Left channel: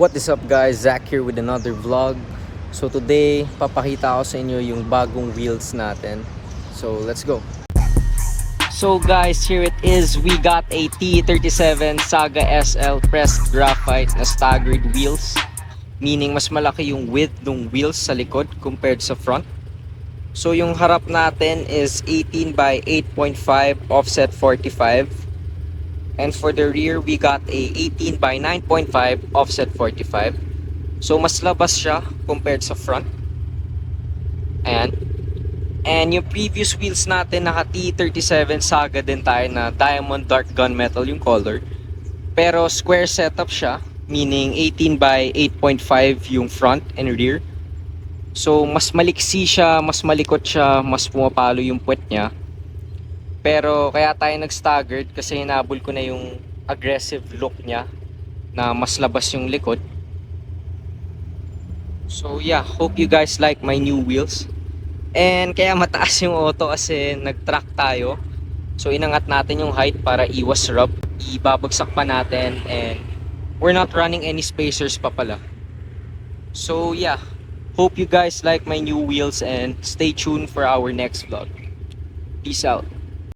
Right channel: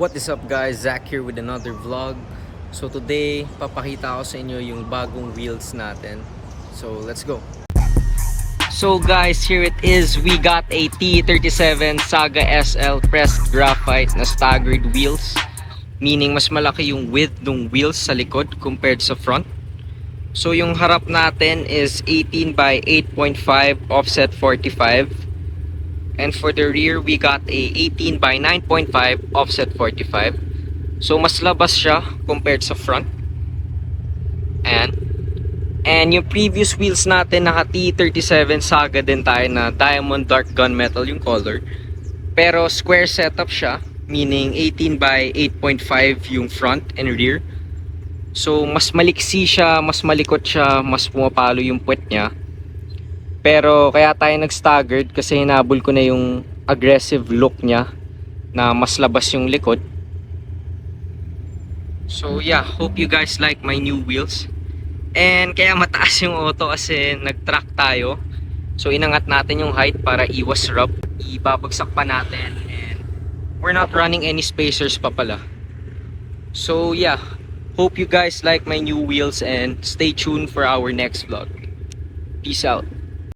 What is up guys, Zach here with another vlog. So today, papakita ko sa inyo yung bagong wheels natin. So let's go. So guys, here it is. We got a T37 Saga SL pressed graphite na staggered wheels. Meaning mas malaki yung width ng wheels sa likod compared sa front. So yung harap natin is 18 by 8.5 offset 45. And for the rear, we got a 18 by 9.5 offset 45. So mas labas siya compared sa front. And yung previous wheels natin, naka T37 Saga din tayo na diamond dark gunmetal yung color. Pero square setup siya, meaning 18 by 8.5 yung front and rear. So mas maliksi siya, mas malikot siya, mas pumapalo yung puwet niya. Pero kaya tayo nag-staggered kasi hinabol ko na yung aggressive look niya na mas labas yung likod. So yeah, hope you guys like my new wheels. And kaya mataas yung auto kasi nag-track tayo. So inangat natin yung height para iwas rub. Ibabagsak pa natin and we're not running any spacers pa pala. So yeah, hope you guys like my new wheels and stay tuned for our next vlog. Peace out.